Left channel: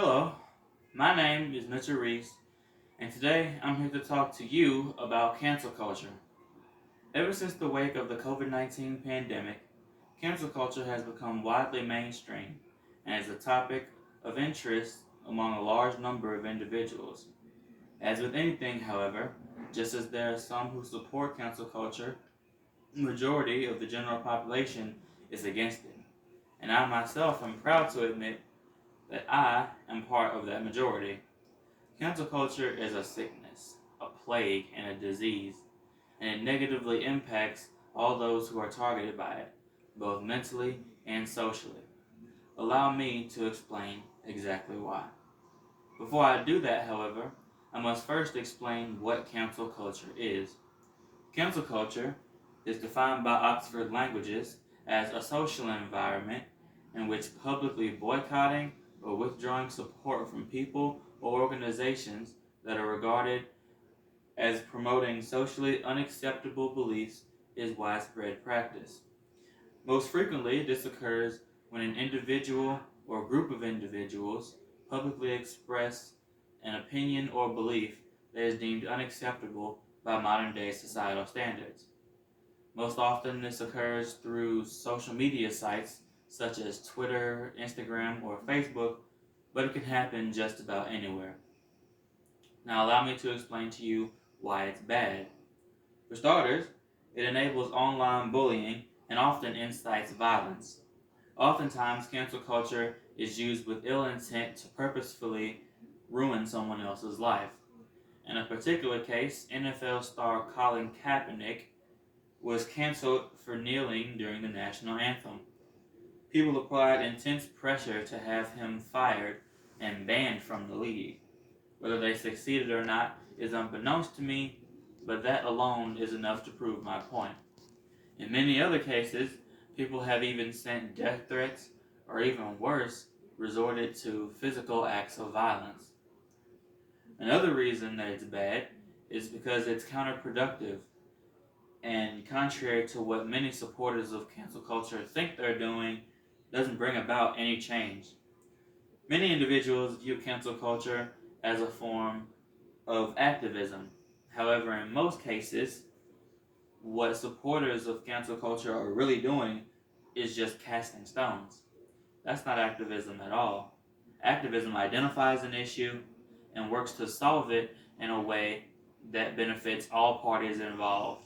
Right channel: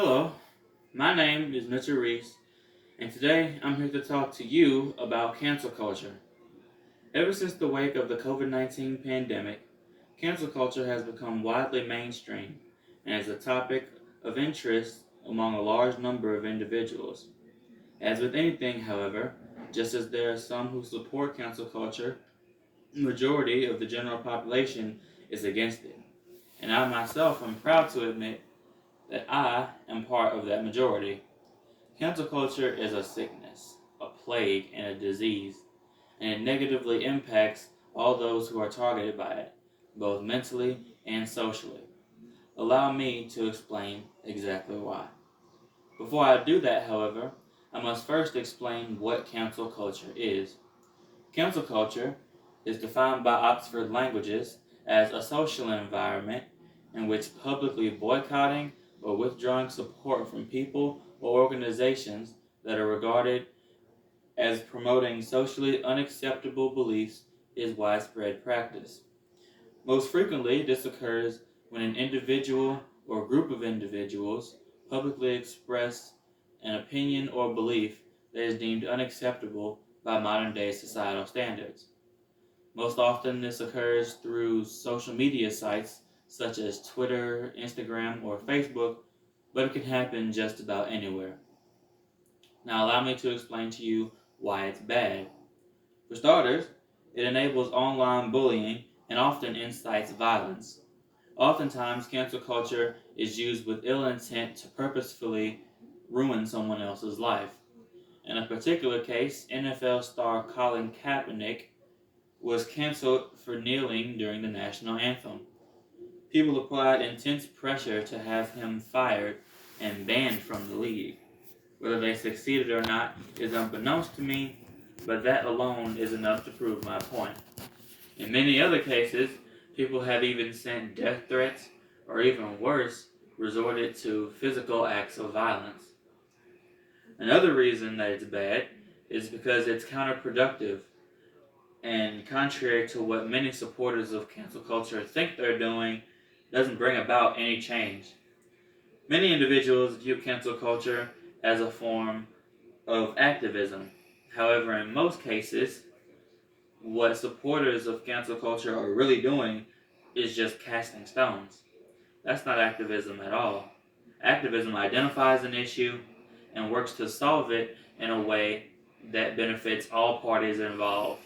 Hello, my name is Mitchell Reese, and today I'm here to talk to you about cancel culture. Ever since the wake of the COVID 19 pandemic, cancel culture has become widely mainstream and is a topic of interest among a large number of individuals. As with anything, however, just as there are some who support cancel culture, the majority of the general population is against it. And I myself am proud to admit that I am part of that majority. Cancel culture is a sickness, a plague, and a disease, and it negatively impacts all those who are targeted by it, both mentally and socially. Allow me to explain exactly why. Before I do that, however, I must first explain what cancel culture is. Cancel culture is defined by Oxford Languages as a social environment in which publicly boycotting or withdrawing support from people or organizations that are regarded as promoting socially unacceptable beliefs is widespread practice. Most frequently, this occurs when an individual or group of individuals publicly express an opinion or belief that is deemed unacceptable by modern day societal standards. Most often, this occurs through social media sites such as Twitter, Instagram, or Facebook, but it can happen just about anywhere. Now, allow me to explain to you why it's bad. For starters, it enables online bullying and often incites violence. Oftentimes, cancel culture is used with ill intent to purposefully ruin someone else's life. In a particular case, NFL star Colin Kaepernick was canceled for kneeling during the national anthem. People applied intense pressure to have him fired and banned from the league. Whether they succeeded or not is unbeknownst to me, but that alone is enough to prove my point. In many other cases, people have even sent death threats, or even worse, resorted to physical acts of violence. Another reason that it's bad is because it's counterproductive and contrary to what many supporters of cancel culture think they're doing, doesn't bring about any change. Many individuals view cancel culture as a form of activism. However, in most cases, what supporters of cancel culture are really doing is just casting stones. That's not activism at all. Activism identifies an issue and works to solve it in a way that benefits all parties involved.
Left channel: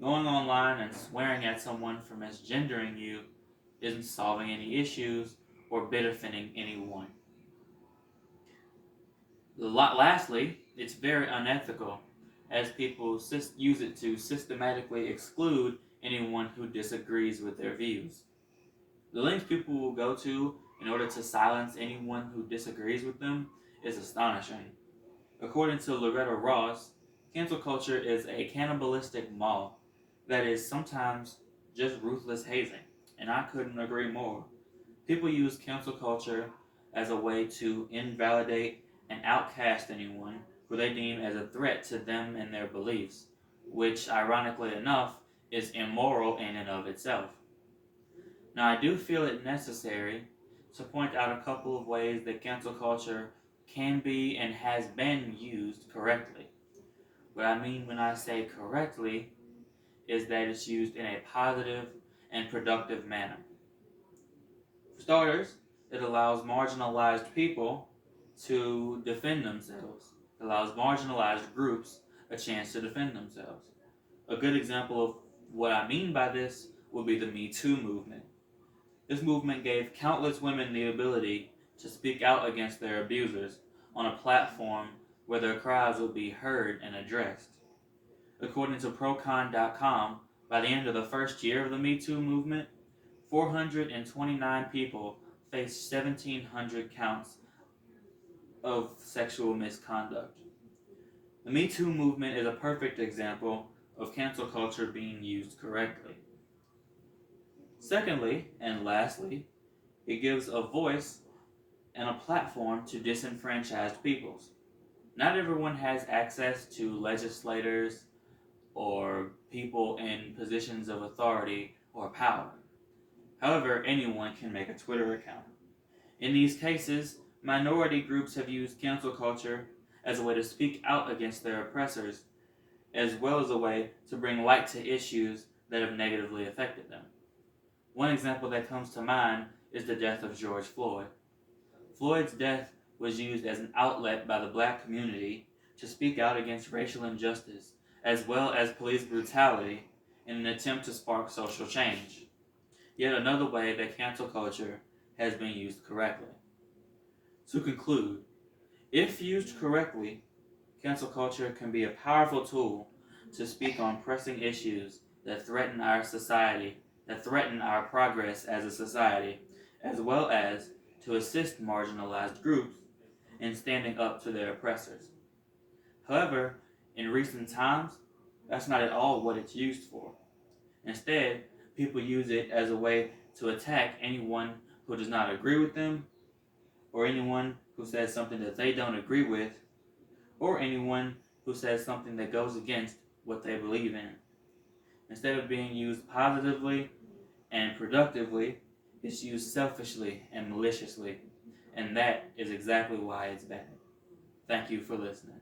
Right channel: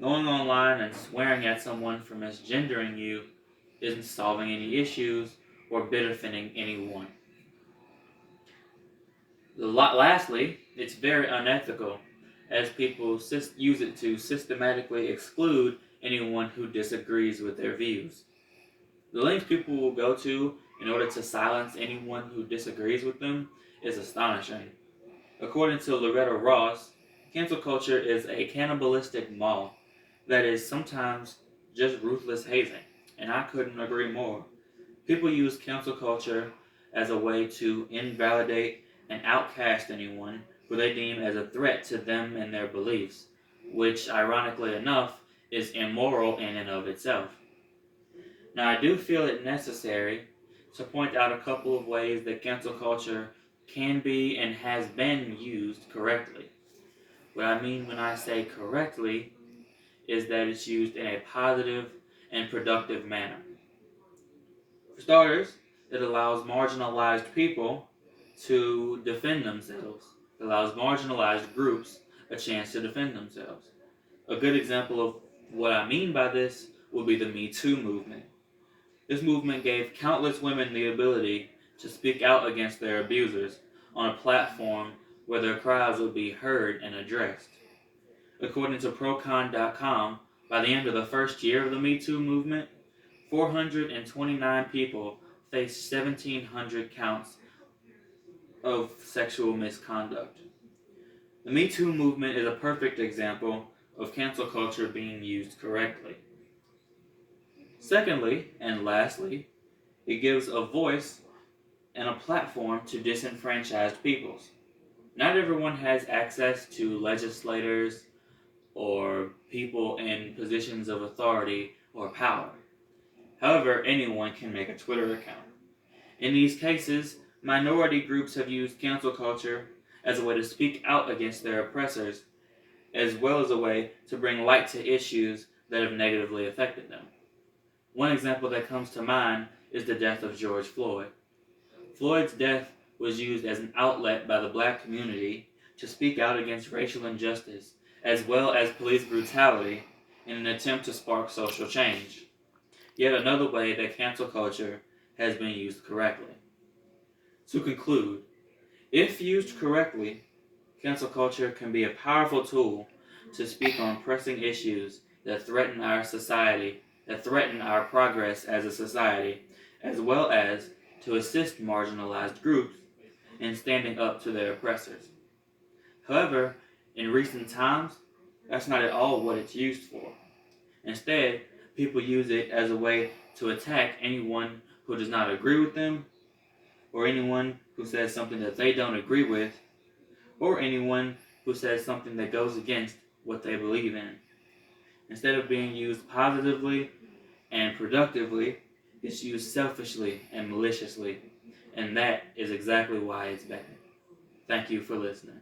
Going online and swearing at someone for misgendering you isn't solving any issues or benefiting anyone. Lastly, it's very unethical, as people use it to systematically exclude anyone who disagrees with their views. The lengths people will go to in order to silence anyone who disagrees with them is astonishing. According to Loretta Ross, cancel culture is a cannibalistic maw that is sometimes just ruthless hazing, and I couldn't agree more. People use cancel culture as a way to invalidate and outcast anyone who they deem as a threat to them and their beliefs, which, ironically enough, is immoral in and of itself. Now, I do feel it necessary to point out a couple of ways that cancel culture can be and has been used correctly. What I mean when I say correctly is that it's used in a positive and productive manner. For starters, it allows marginalized people to defend themselves. It allows marginalized groups a chance to defend themselves. A good example of what I mean by this would be the Me Too movement. This movement gave countless women the ability to speak out against their abusers on a platform where their cries would be heard and addressed. According to Procon.com, by the end of the first year of the Me Too movement, 429 people faced 1,700 counts of sexual misconduct. The Me Too movement is a perfect example of cancel culture being used correctly. Secondly, and lastly, it gives a voice and a platform to disenfranchised peoples. Not everyone has access to legislators or people in positions of authority or power. However, anyone can make a Twitter account. In these cases, Minority groups have used cancel culture as a way to speak out against their oppressors, as well as a way to bring light to issues that have negatively affected them. One example that comes to mind is the death of George Floyd. Floyd's death was used as an outlet by the black community to speak out against racial injustice, as well as police brutality, in an attempt to spark social change. Yet another way that cancel culture has been used correctly. To conclude, if used correctly, cancel culture can be a powerful tool to speak on pressing issues that threaten our society, that threaten our progress as a society, as well as to assist marginalized groups in standing up to their oppressors. However, in recent times, that's not at all what it's used for. Instead, people use it as a way to attack anyone who does not agree with them, or anyone who says something that they don't agree with, or anyone who says something that goes against what they believe in. Instead of being used positively and productively, it's used selfishly and maliciously, and that is exactly why it's bad. Thank you for listening.